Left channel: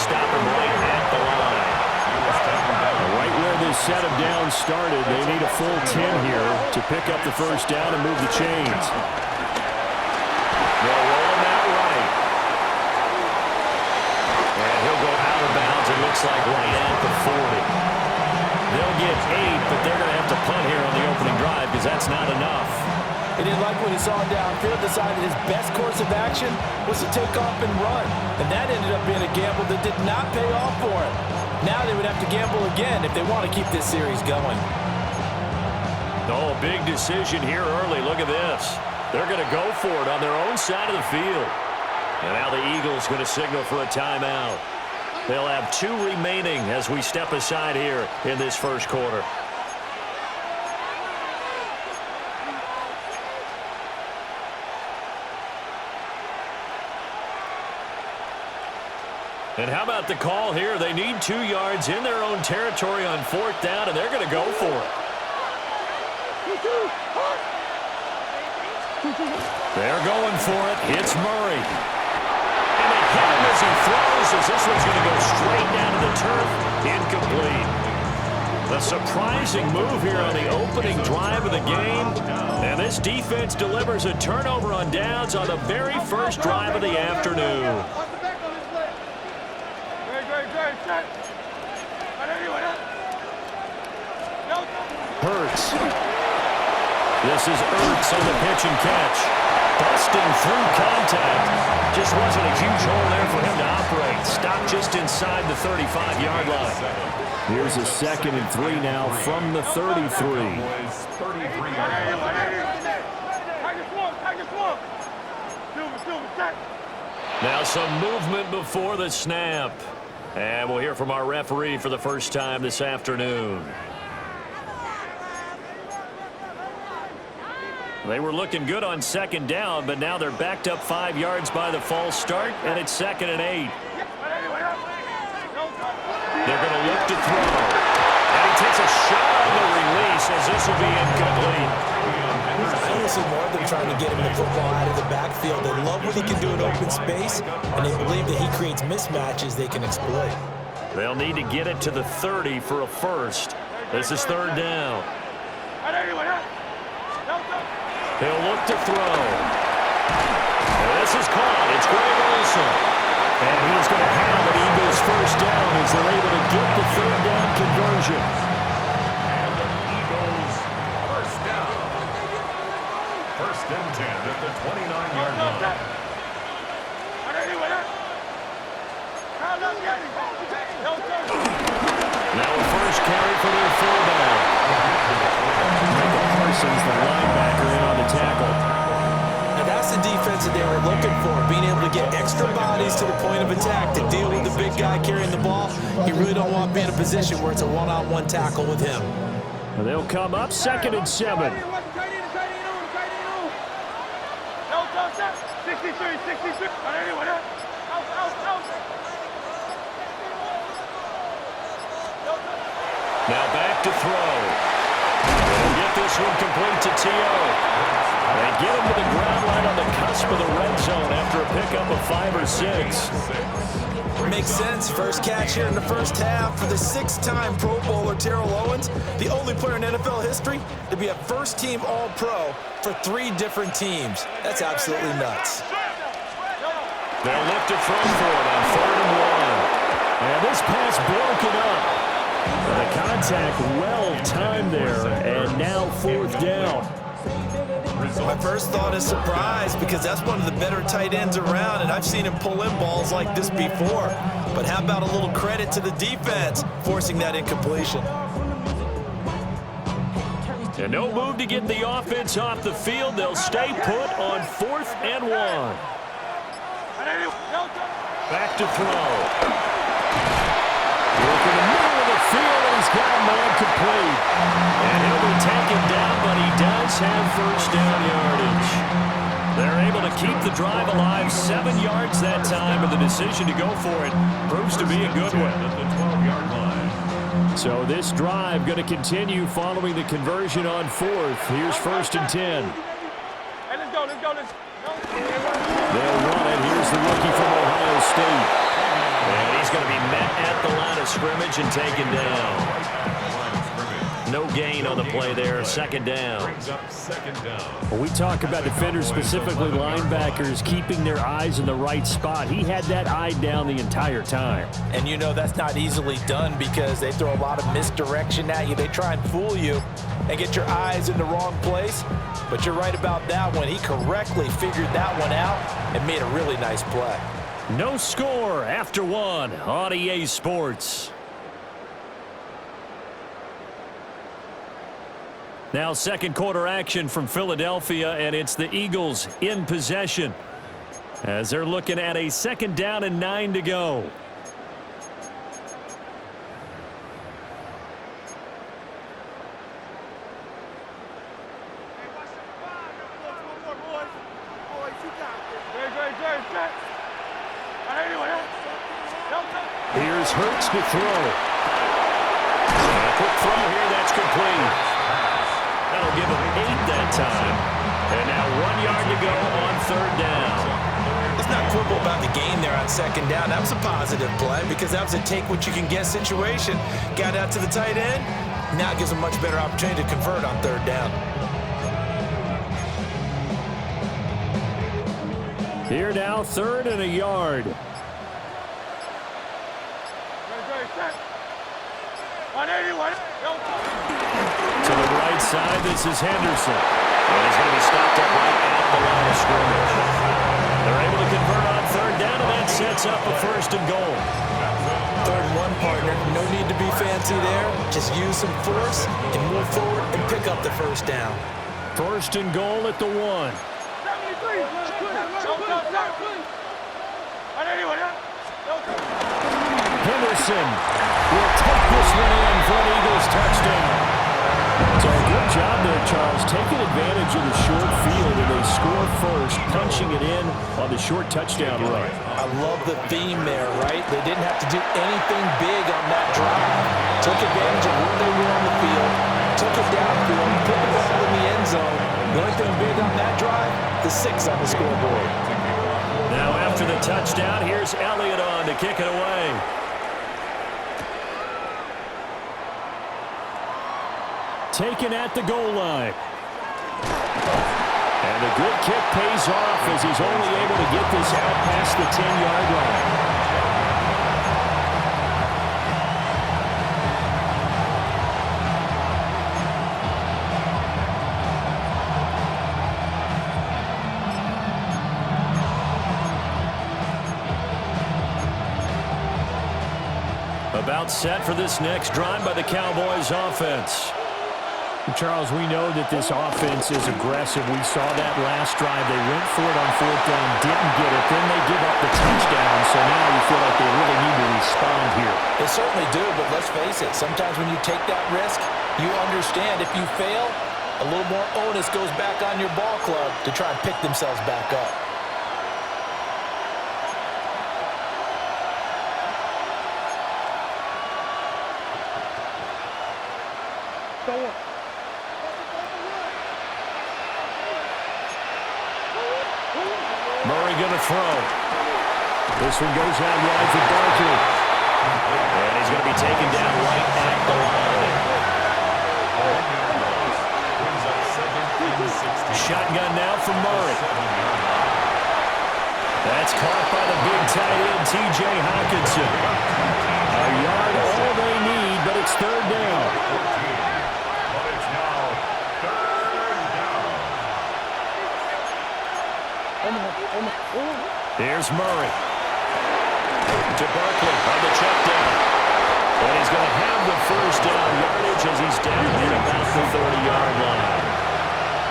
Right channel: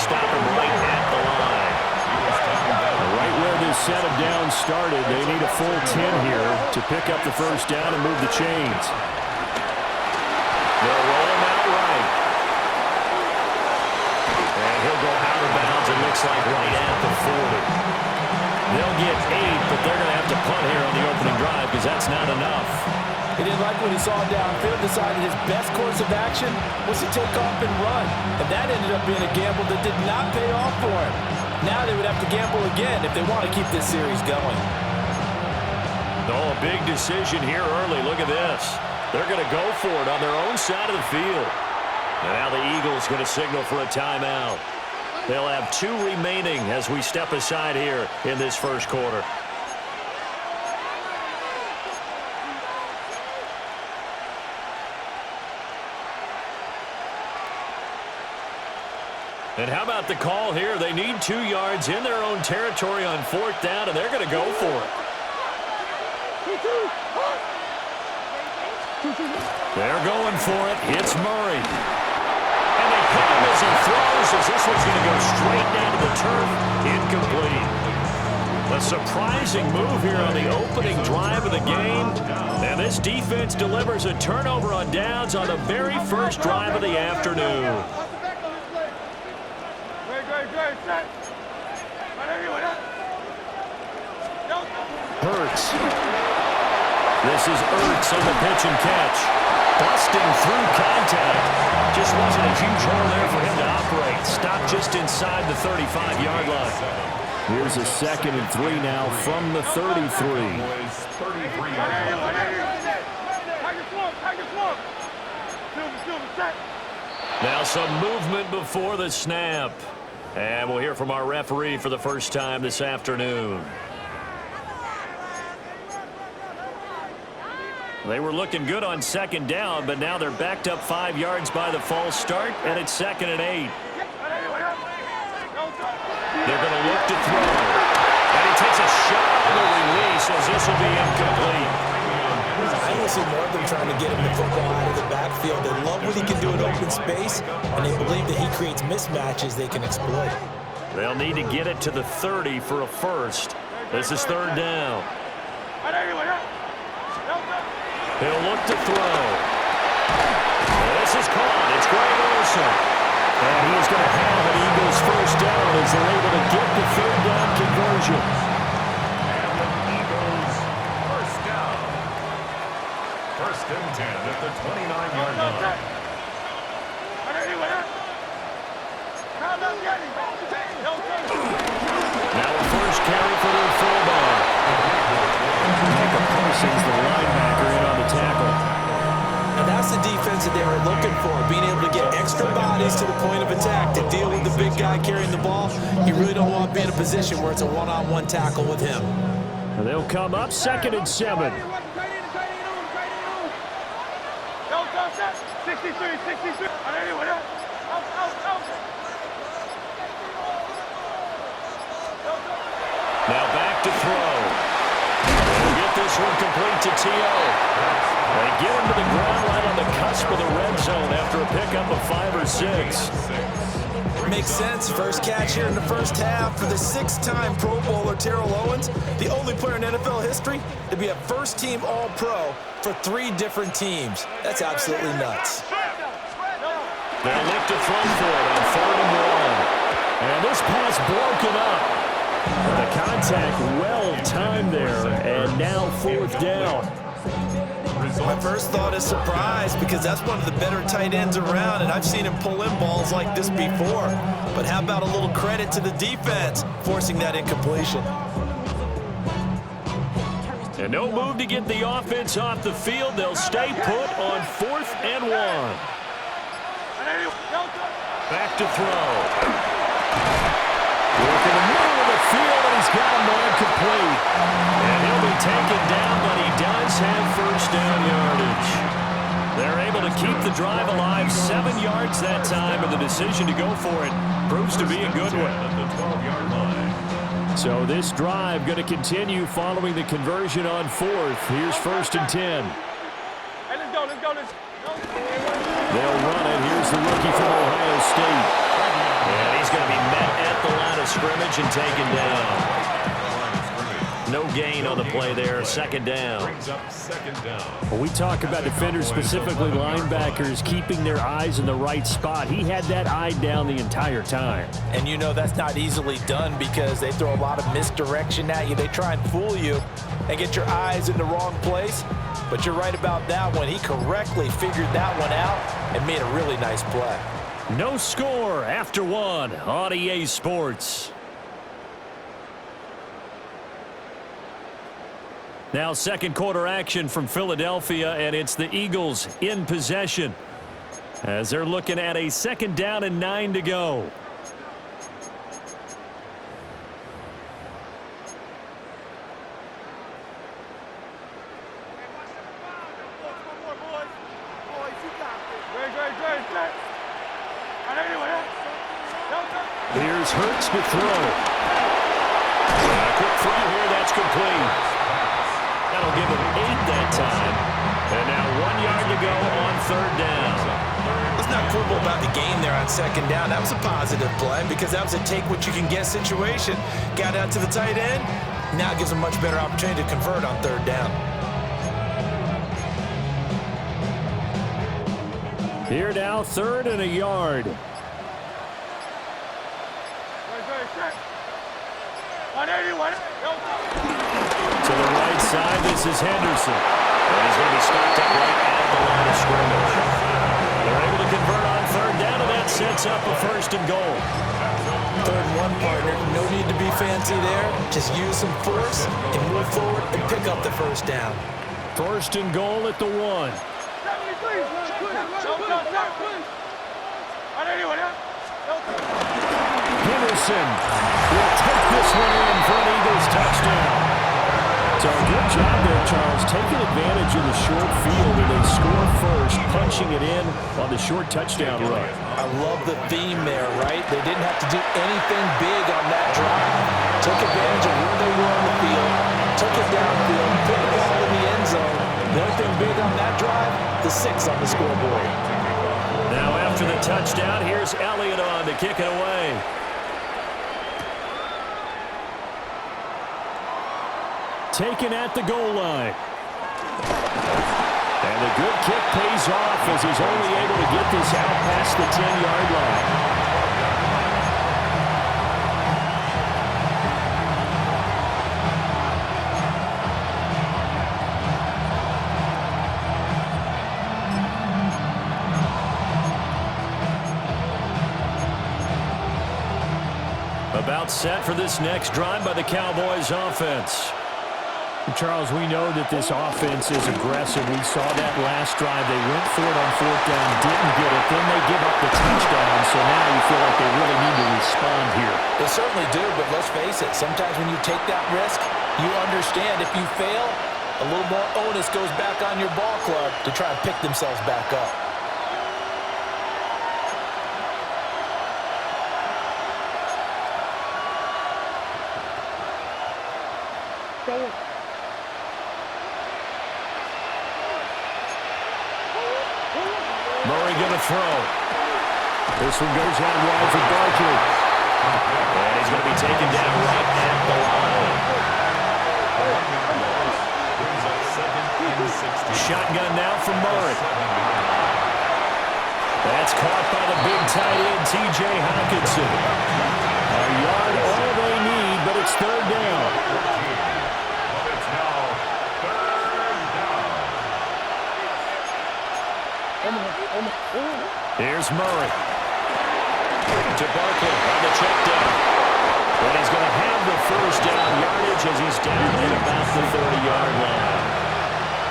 stop him right at the line. Right where this set of downs started, they need a full 10 here to pick up the first down and move the chains. They'll roll him out right. And he'll go out of bounds, it looks like right at the 40. They'll get 8, but they're going to have to punt here on the opening drive because that's not enough. He didn't like what he saw downfield, decided his best course of action was to take off and run. And that ended up being a gamble that did not pay off for him. Now they would have to gamble again if they want to keep this series going. Oh, a big decision here early. Look at this. They're going to go for it on their own side of the field. And now the Eagles going to signal for a timeout. They'll have 2 remaining as we step aside here in this first quarter. And how about the call here? They need 2 yards in their own territory on 4th down, and they're going to go for it. They're going for it. It's Murray. And they hit him as he throws, as this one's going to go straight down to the turf. Incomplete. A surprising move here on the opening drive of the game. And this defense delivers a turnover on downs on the very first drive of the afternoon. Hurts. This is Ertz on the pitch and catch. Busting through contact. Just wasn't a huge hole there for him to operate. Stopped just inside the 35-yard line. Here's a 2nd and 3 now from the 33. Now some movement before the snap. And we'll hear from our referee for the first time this afternoon. They were looking good on 2nd down, but now they're backed up 5 yards by the false start, and it's 2nd and 8. They're going to look to throw. And he takes a shot on the release as this will be incomplete. I want to see more of them trying to get him the football out of the backfield. They love what he can do in open space, and they believe that he creates mismatches they can exploit. They'll need to get it to the 30 for a first. This is 3rd down. He'll look to throw. This is caught. It's Greg Olsen. And he's going to have an Eagles first down as they're able to get the 3rd down conversion. And the Eagles first down. 1st and 10 at the 29-yard line. Now a first carry for their fullback. Micah Parsons, the linebacker, in on the tackle. Now that's the defense that they were looking for, being able to get extra bodies to the point of attack to deal with the big guy carrying the ball. You really don't want to be in a position where it's a one-on-one tackle with him. And they'll come up 2nd and 7. 63. Now back to throw. They'll get this one complete to T.O. They get him to the ground right on the cusp of the red zone after a pickup of 5 or 6. Makes sense. First catch here in the first half for the 6-time Pro Bowler Terrell Owens, the only player in NFL history to be a first-team All-Pro for 3 different teams. That's absolutely nuts. They'll look to throw for it on 3rd and 1. And this pass broken up. The contact well timed there, and now 4th down. My first thought is surprise, because that's one of the better tight ends around, and I've seen him pull in balls like this before. But how about a little credit to the defense forcing that incompletion? And no move to get the offense off the field. They'll stay put on 4th and 1. Back to throw. Work in the middle of the field, and he's got a man complete. And he'll be taken down, but he does have first down yardage. They're able to keep the drive alive, 7 yards that time, and the decision to go for it proves to be a good one. At the 12-yard line. So this drive going to continue following the conversion on 4th. Here's 1st and 10. Hey, let's go. They'll run it. Here's the rookie from Ohio State. And he's going to be met at the line of scrimmage and taken down. No gain on the play there. Second down. Brings up second down. Well, we talk about defenders, specifically linebackers, keeping their eyes in the right spot. He had that eye down the entire time. And you know that's not easily done because they throw a lot of misdirection at you. They try and fool you and get your eyes in the wrong place. But you're right about that one. He correctly figured that one out and made a really nice play. No score after one on EA Sports. Now second quarter action from Philadelphia, and it's the Eagles in possession as they're looking at a second down and 9 to go. Here's Hurts to throw. A quick throw here, that's complete. That'll give him 8 that time. And now 1 yard to go on third down. Let's not quibble about the game there on second down. That was a positive play because that was a take-what-you-can-get situation. Got out to the tight end. Now it gives him a much better opportunity to convert on third down. Here now, 3rd and a yard. To the right side, this is Henderson. And he's going to be stopped up right at the line of scrimmage. They're able to convert on third down, and that sets up a 1st and goal. 3rd and 1, partner. No need to be fancy there. Just use some force and move forward and pick up the 1st down. 1st and goal at the 1. Henderson will take this one in for an Eagles touchdown. So good job there, Charles, taking advantage of the short field, and they score first, punching it in on the short touchdown run. I love the theme there, right? They didn't have to do anything big on that drive. Took advantage of where they were on the field, took it downfield, put the ball in the end zone. The only thing big on that drive, the 6 on the scoreboard. Now after the touchdown, here's Elliott on to kick it away. Taken at the goal line. And the good kick pays off as he's only able to get this out past the 10-yard line. About set for this next drive by the Cowboys offense. Charles, we know that this offense is aggressive. We saw that last drive. They went for it on 4th down, didn't get it. Then they give up the touchdown, so now you feel like they really need to respond here. They certainly do, but let's face it. Sometimes when you take that risk, you understand if you fail, a little more onus goes back on your ball club to try and pick themselves back up. Murray going to throw. This one goes out wide for Barkley. And he's going to be taken down right at the line. Shotgun now for Murray. That's caught by the big tight end, T.J. Hockenson. A yard, all they need, but it's 3rd down. But it's now 3rd down. Here's Murray. To Barkley on the check down. And he's going to have the 1st down yardage as he's down at about the 30-yard line.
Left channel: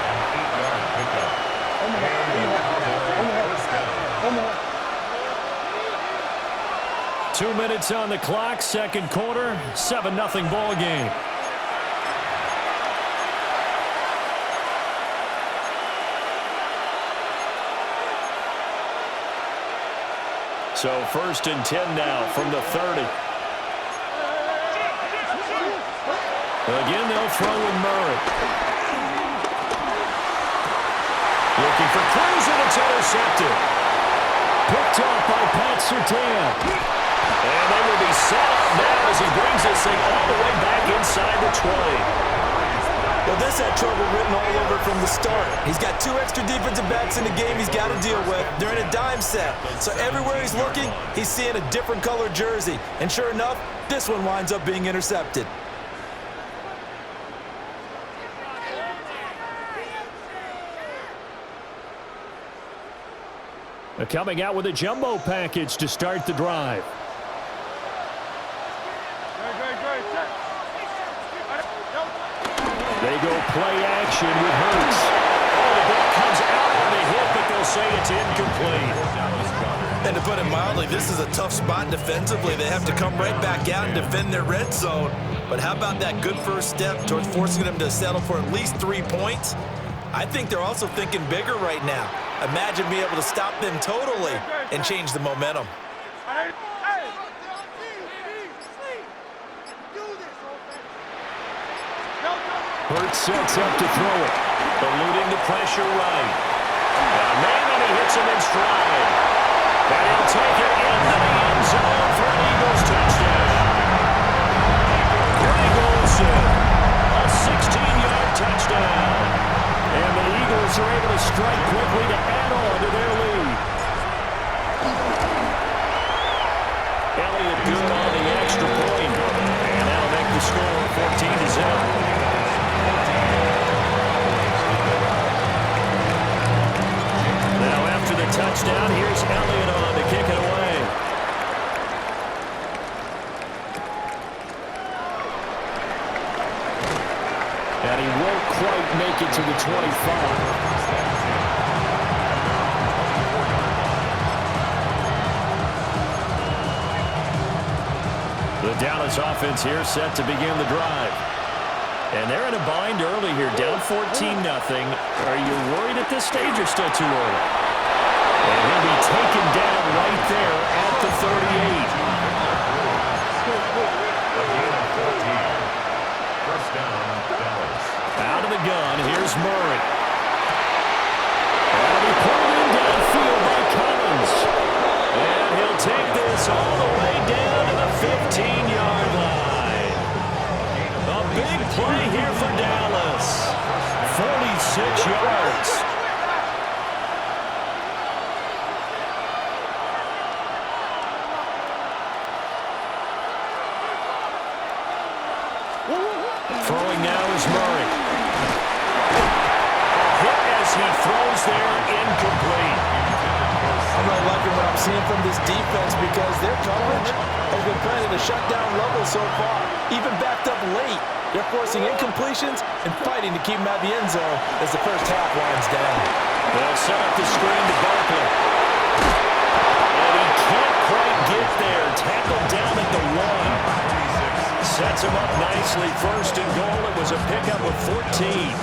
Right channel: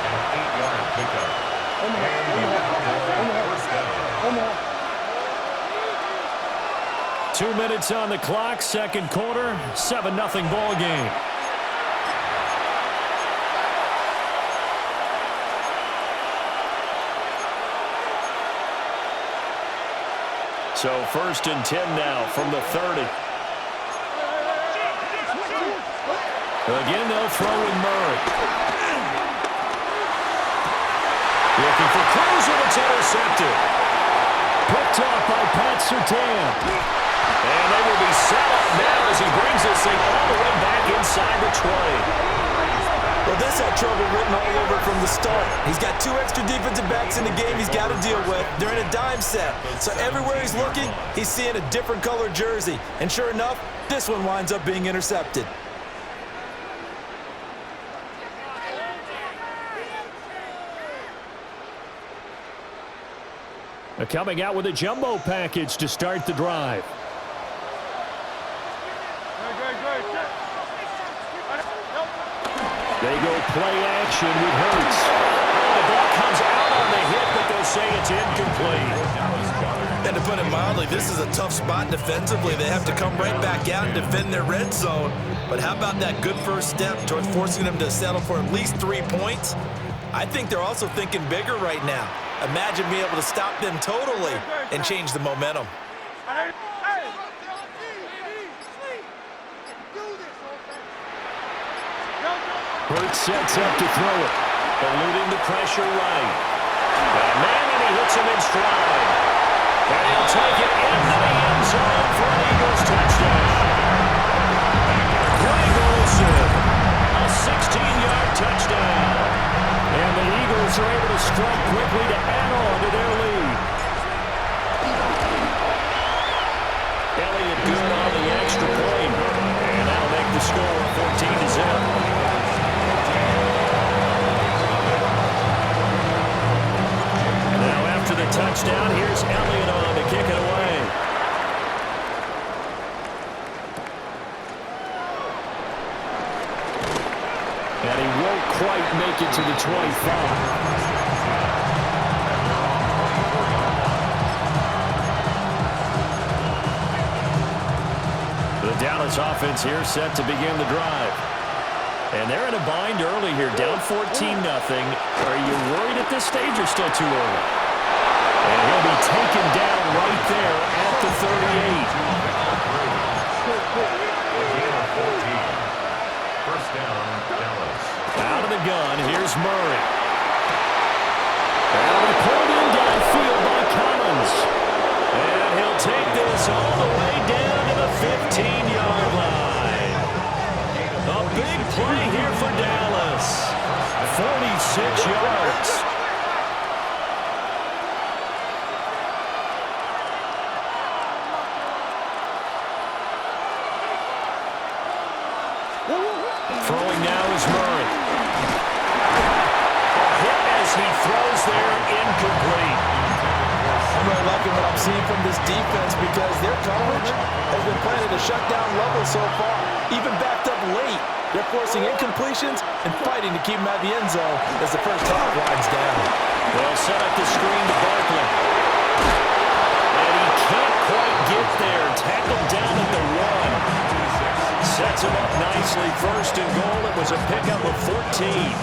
An 8-yard pickup. And the Cowboys 1st down. 2 minutes on the clock, second quarter, 7-0 ball game. So 1st and 10 now from the 30. Again, they'll throw with Murray. Looking for Cruz, and it's intercepted. Picked off by Pat Surtain. And they will be set up now as he brings this thing all the way back inside the 20. Well, this had trouble written all over from the start. He's got 2 extra defensive backs in the game he's got to deal with. They're in a dime set. So everywhere he's looking, he's seeing a different colored jersey. And sure enough, this one winds up being intercepted. Coming out with a jumbo package to start the drive. They go play action with Hurts. Oh, the ball comes out on the hit, but they'll say it's incomplete. And to put it mildly, this is a tough spot defensively. They have to come right back out and defend their red zone. But how about that good first step towards forcing them to settle for at least 3 points? I think they're also thinking bigger right now. Imagine being able to stop them totally and change the momentum. Hurts sets up to throw it. Eluding the pressure right. Got a man, and he hits him in stride. And he'll take it into the end zone for an Eagles touchdown. Greg Olsen, a 16-yard touchdown. And the Eagles are able to strike quickly to add on to their lead. Elliott good on the extra point. And that'll make the score 14-0. Now after the touchdown, here's Elliott on to kick it away. And he won't quite make it to the 25. The Dallas offense here set to begin the drive. And they're in a bind early here, down 14-0. Are you worried at this stage or still too early? And he'll be taken down right there at the 38. First down, Dallas. Out of the gun, here's Murray. That'll be pulled in downfield by Collins. And he'll take this all the way down to the 15-yard line. A big play here for Dallas. 46 yards. Throwing now is Murray. Hit as he throws there, incomplete. I'm really liking what I'm seeing from this defense because their coverage has been playing at a shutdown level so far. Even backed up late, they're forcing incompletions and fighting to keep them at the end zone as the first half winds down. They'll set up the screen to Barkley. And he can't quite get there. Tackled down at the 1. Sets him up nicely. First and goal. It was a pickup of 14.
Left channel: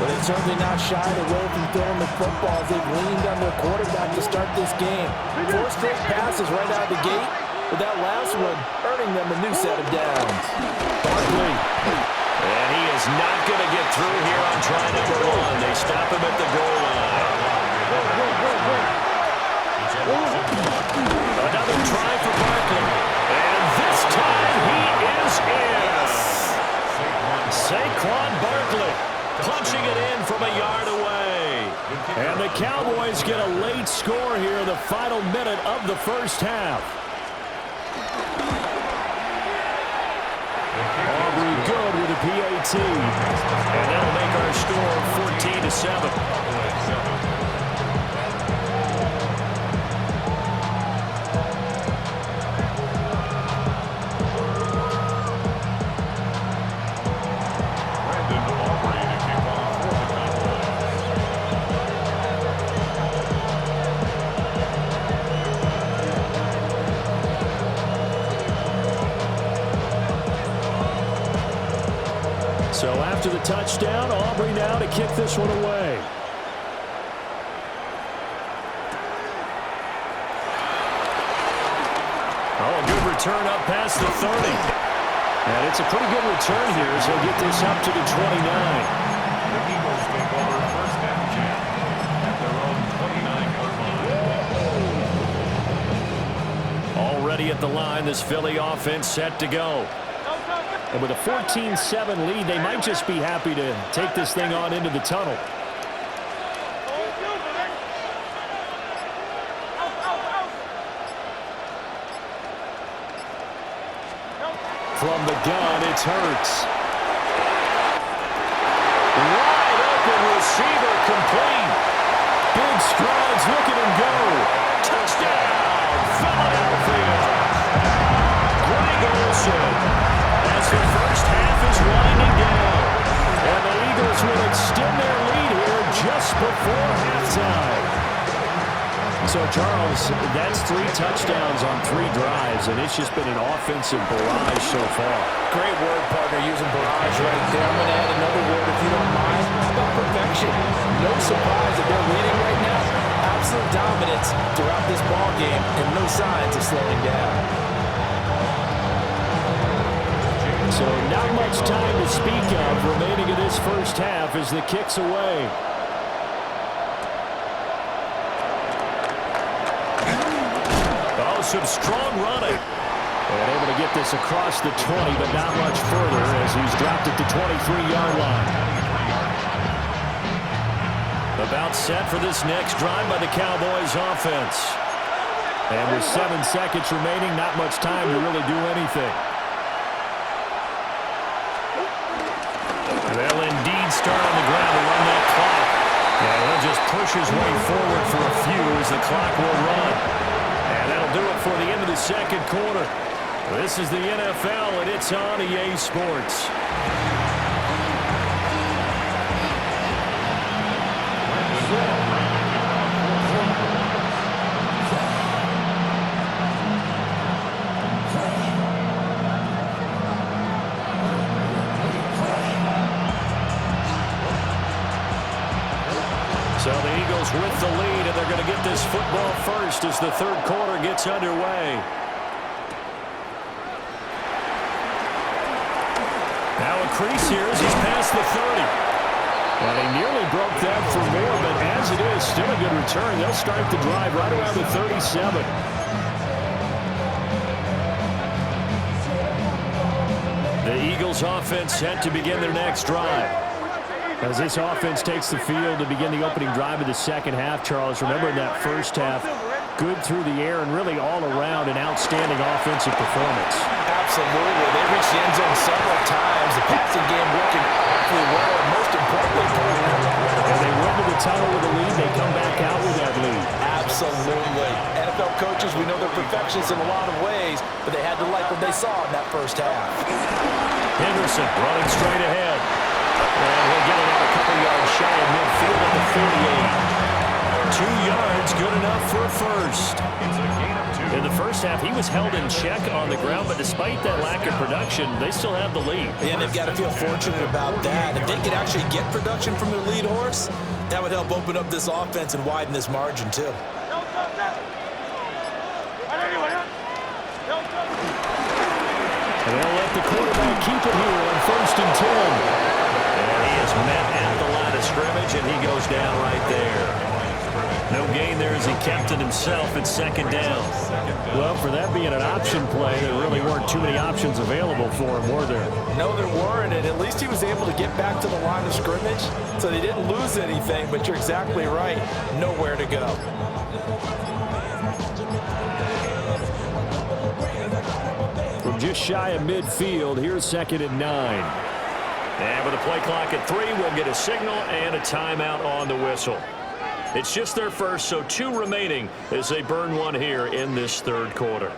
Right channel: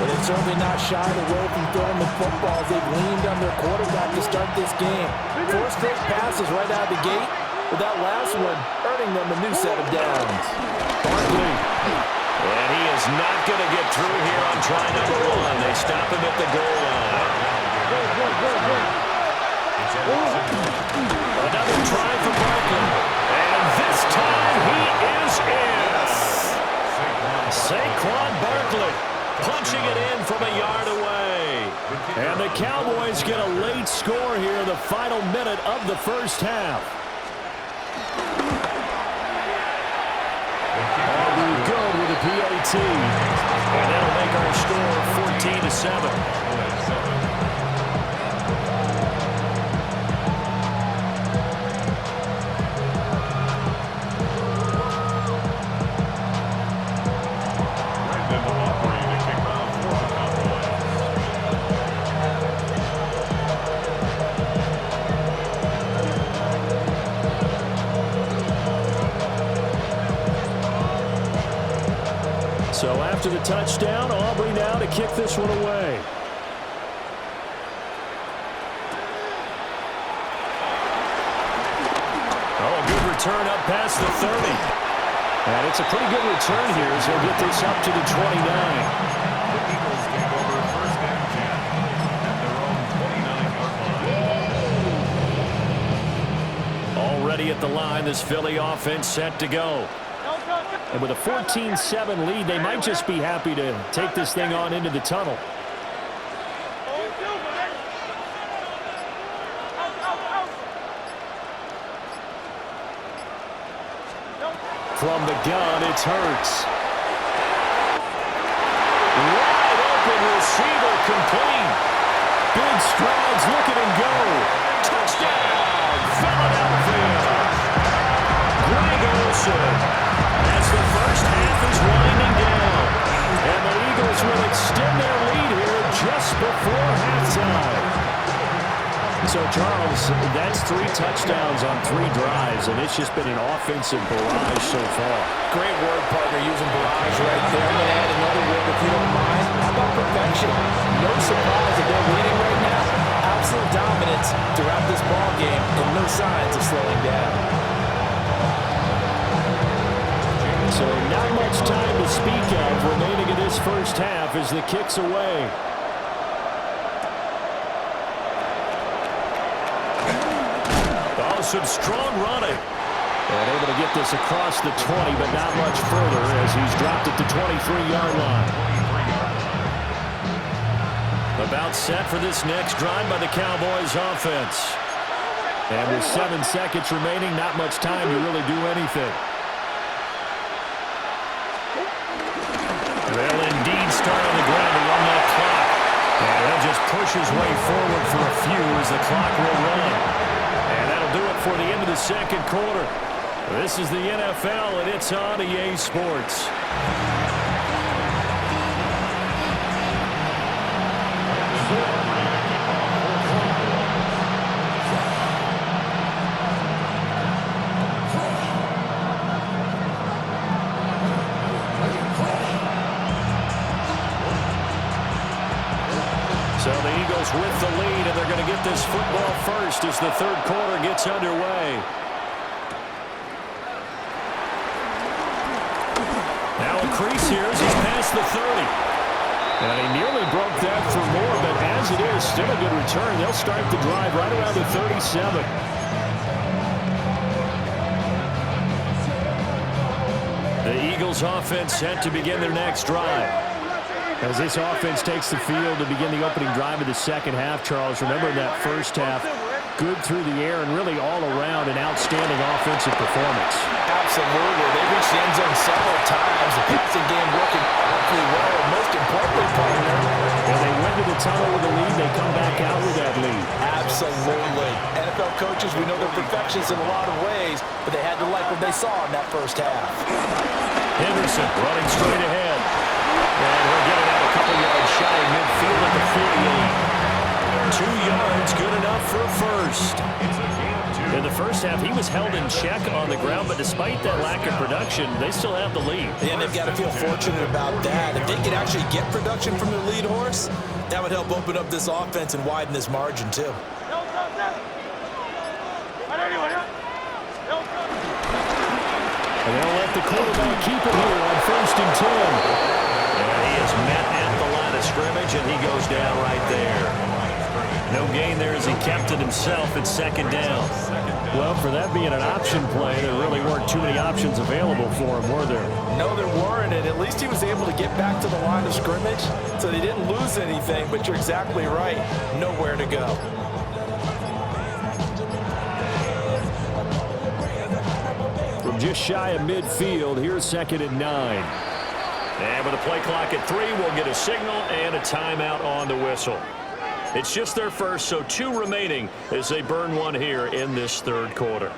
But they've certainly not shied away from throwing the football as they've leaned on their quarterback to start this game. 4 straight passes right out of the gate, with that last one earning them a new set of downs. Barkley. And he is not going to get through here on try number 1. They stop him at the goal line. Another try for Barkley. And this time he is in. Saquon Barkley punching it in from a yard away. And the Cowboys get a late score here in the final minute of the first half. Aubrey good with a PAT. And that'll make our score 14-7. So after the touchdown, Aubrey now to kick this one away. Oh, good return up past the 30. And it's a pretty good return here as he'll get this up to the 29. The Eagles take over first and 10 at their own 29-yard line. ready at the line. This Philly offense set to go. And with a 14-7 lead, they might just be happy to take this thing on into the tunnel. From the gun, it's Hurts. Wide open receiver, complete. Big strides, look at him go. Touchdown, Philadelphia. Greg Olsen as the first half is winding down. And the Eagles will extend their lead here just before halftime. So, Charles, that's 3 touchdowns on 3 drives, and it's just been an offensive barrage so far. Great word, partner, using barrage right there. I'm going to add another word, if you don't mind. How about perfection? No surprise that they're leading right now. Absolute dominance throughout this ball game, and no signs of slowing down. So not much time to speak of remaining in this first half as the kick's away. Oh, some strong running. And able to get this across the 20, but not much further as he's dropped it to 23-yard line. About set for this next drive by the Cowboys offense. And with 7 seconds remaining, not much time to really do anything. They'll indeed start on the ground to run that clock. And he'll just push his way forward for a few as the clock will run. And that'll do it for the end of the second quarter. This is the NFL, and it's on EA Sports. So the Eagles with the lead, and they're going to get this football first as the third quarter gets underway. Now a crease here as he's past the 30. And he nearly broke that for more, but as it is, still a good return. They'll start the drive right around the 37. The Eagles offense set to begin their next drive. As this offense takes the field to begin the opening drive of the second half, Charles, remember in that first half, good through the air and really all around an outstanding offensive performance. Absolutely. They reached the end zone several times. The passing game working awfully well, and most importantly, partner. And they went to the tunnel with a lead. They come back out with that lead. Absolutely. NFL coaches, we know they're perfectionists in a lot of ways, but they had to like what they saw in that first half. Henderson running straight ahead. And he'll get it out a couple yards shy of midfield at the 48. 2 yards, good enough for a first. It's a gain of 2. In the first half, he was held in check on the ground, but despite that lack of production, they still have the lead. Yeah, and they've got to feel fortunate about that. If they could actually get production from their lead horse, that would help open up this offense and widen this margin, too. And they'll let the quarterback keep it here on 1st and 10. And he is met at the line of scrimmage, and he goes down right there. No gain there as he kept it himself at second down. Well, for that being an option play, there really weren't too many options available for him, were there? No, there weren't, and at least he was able to get back to the line of scrimmage, so they didn't lose anything, but you're exactly right. Nowhere to go. From just shy of midfield, here's 2nd and 9. And with a play clock at 3, we'll get a signal and a timeout on the whistle. It's just their first, so 2 remaining as they burn one here in this third quarter.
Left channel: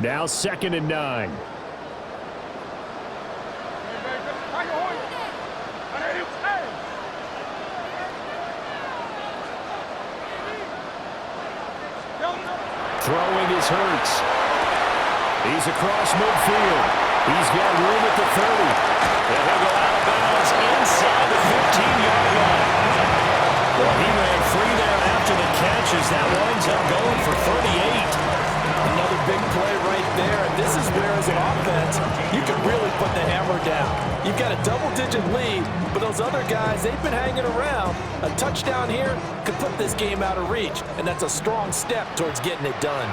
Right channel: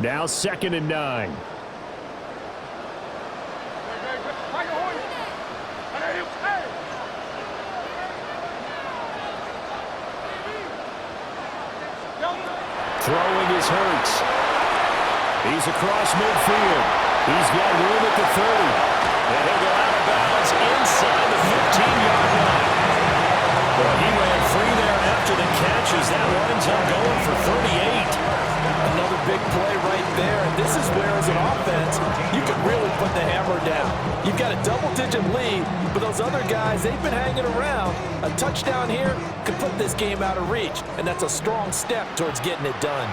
Now 2nd and 9. Throwing is Hurts. He's across midfield. He's got room at the 30. And he'll go out of bounds inside the 15-yard line. Well, he ran free there after the catch as that winds up going for 38. Another big play right there, and this is where, as an offense, you can really put the hammer down. You've got a double-digit lead, but those other guys, they've been hanging around. A touchdown here could put this game out of reach, and that's a strong step towards getting it done.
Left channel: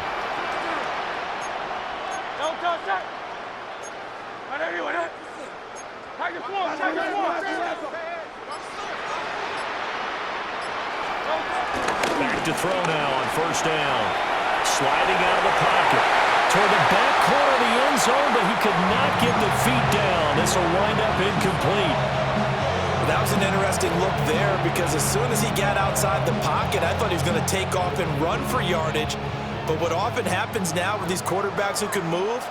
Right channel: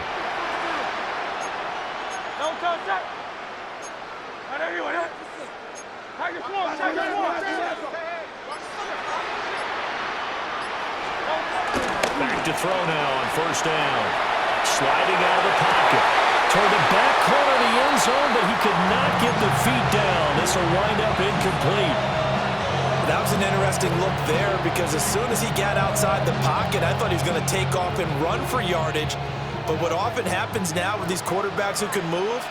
Back to throw now on first down. Sliding out of the pocket. Toward the back corner of the end zone, but he could not get the feet down. This will wind up incomplete. That was an interesting look there because as soon as he got outside the pocket, I thought he was going to take off and run for yardage. But what often happens now with these quarterbacks who can move,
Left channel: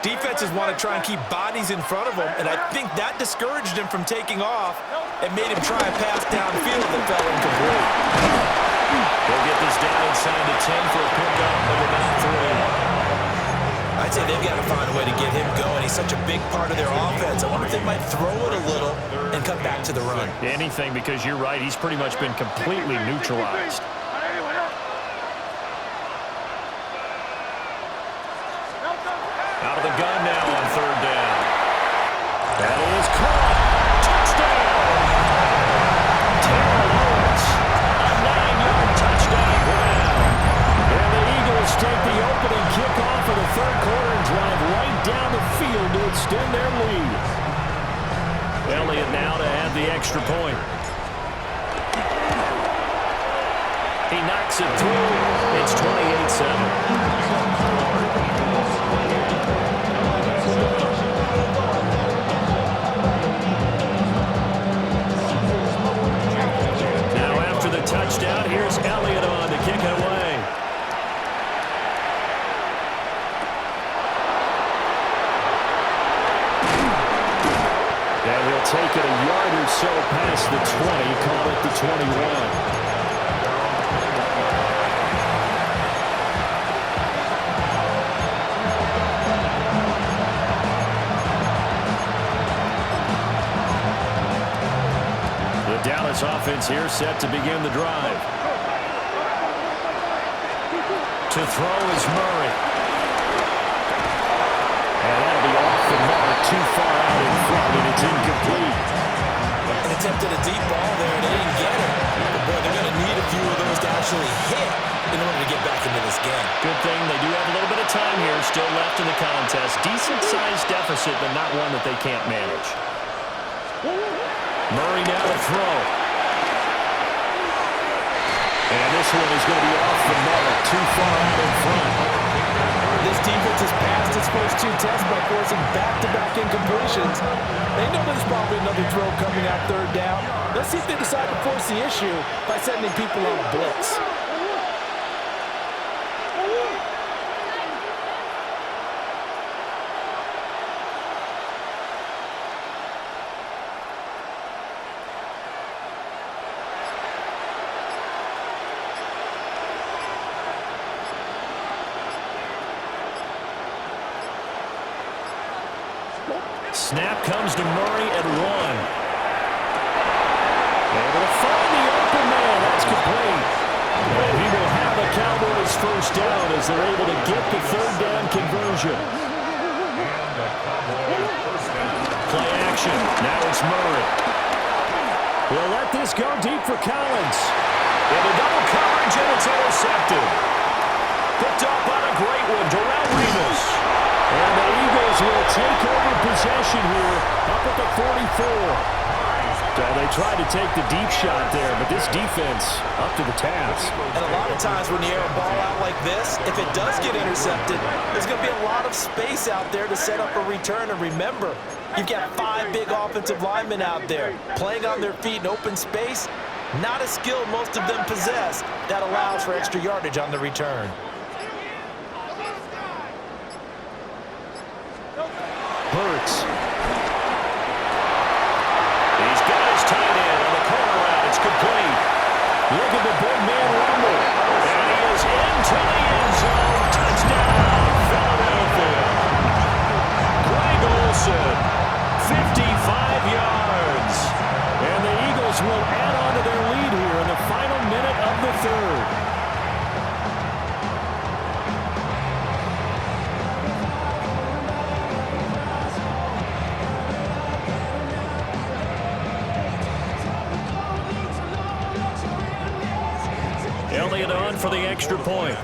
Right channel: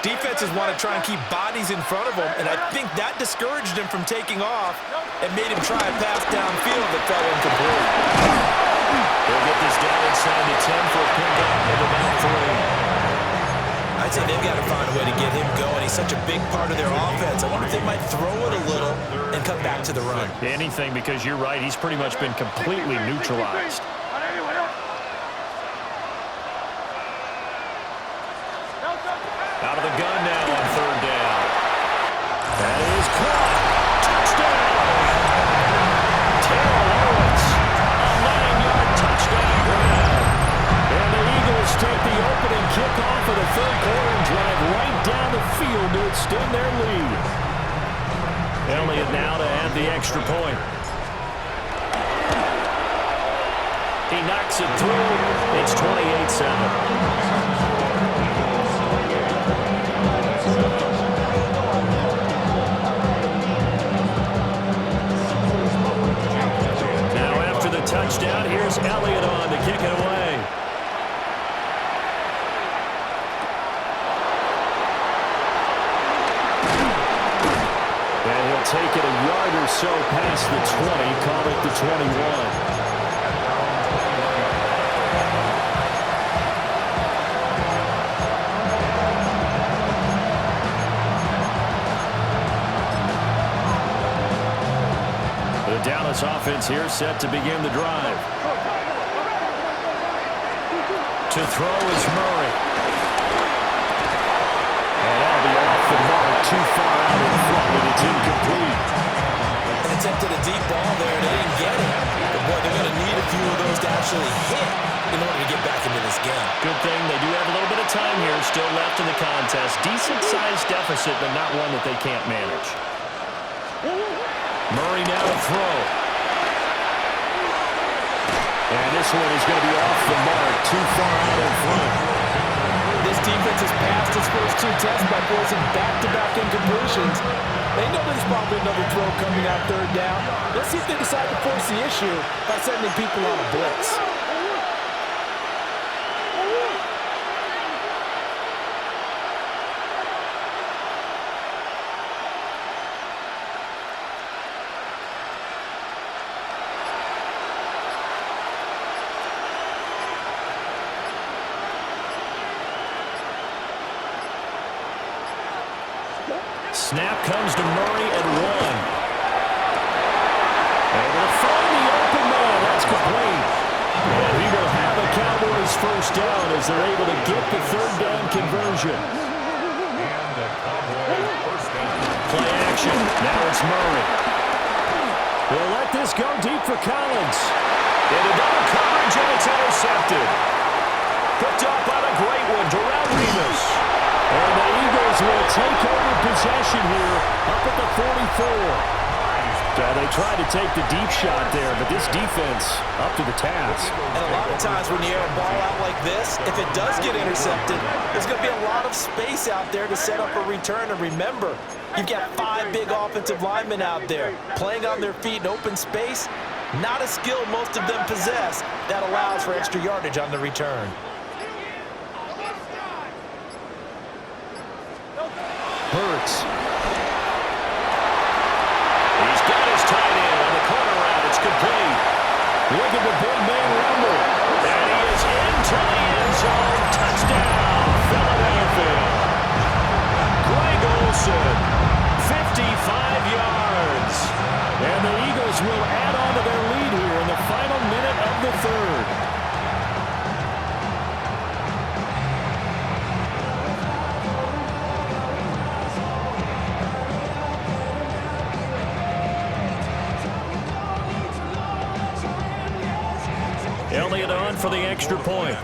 defenses want to try and keep bodies in front of them, and I think that discouraged him from taking off and made him try a pass downfield that fell incomplete. They'll get this down inside the 10 for a pickup of about 3. I'd say they've got to find a way to get him going. He's such a big part of their offense. I wonder if they might throw it a little and come back to the run. Anything, because you're right. He's pretty much been completely neutralized. Out of the gun now on third down. That is caught. Touchdown. Terrell Owens. A 9-yard touchdown grab. And the Eagles take the opening kickoff of the third quarter and drive right down the field to extend their lead. Elliott now to add the extra point. He knocks it through. It's 28-7. Touchdown. Here's Elliott on to kick it away. And he'll take it a yard or so past the 20, call it the 21. The Dallas offense here set to begin the drive. To throw is Murray. And that'll be off the mark, too far out in front, and it's incomplete. An attempt at a deep ball there, they didn't get it. But boy, they're going to need a few of those to actually hit in order to get back into this game. Good thing they do have a little bit of time here still left in the contest. Decent-sized deficit, but not one that they can't manage. Murray now to throw. And this one is going to be off the mark, too far out in front. This defense has passed its first two tests by forcing back-to-back incompletions. They know there's probably another throw coming out third down. Let's see if they decide to force the issue by sending people on a blitz. Snap comes to Murray at 1. Able to find the open man. That's complete. And he will have a Cowboys first down as they're able to get the third down conversion. And a Cowboys first down. Play action. Now it's Murray. He'll let this go deep for Collins. Into double coverage, and it's intercepted. Picked up on a great one. Darrell Revis. And the Eagles will take over possession here up at the 44. So they tried to take the deep shot there, but this defense up to the task. And a lot of times when you air a ball out like this, if it does get intercepted, there's going to be a lot of space out there to set up a return. And remember, you've got 5 big offensive linemen out there playing on their feet in open space. Not a skill most of them possess that allows for extra yardage on the return. Hurts. He's got his tight end on the corner route. It's complete. Look at the big man rumble. And he is into the end zone. Touchdown, Philadelphia. Greg Olsen, 55 yards. And the Eagles will add on to their lead here in the final minute of the third. for the extra point.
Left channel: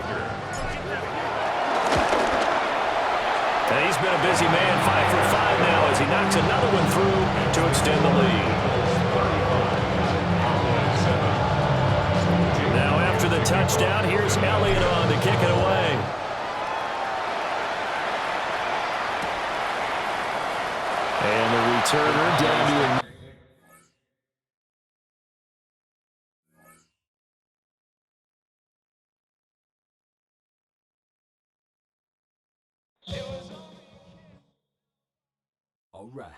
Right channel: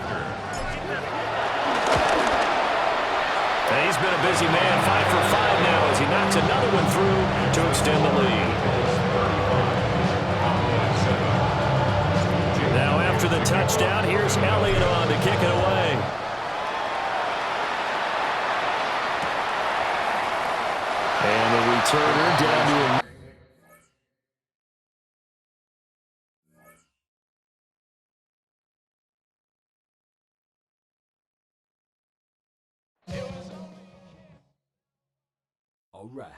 And he's been a busy man, 5 for 5 now as he knocks another one through to extend the lead. Now after the touchdown, here's Elliott on to kick it away. And the returner down to a... All right.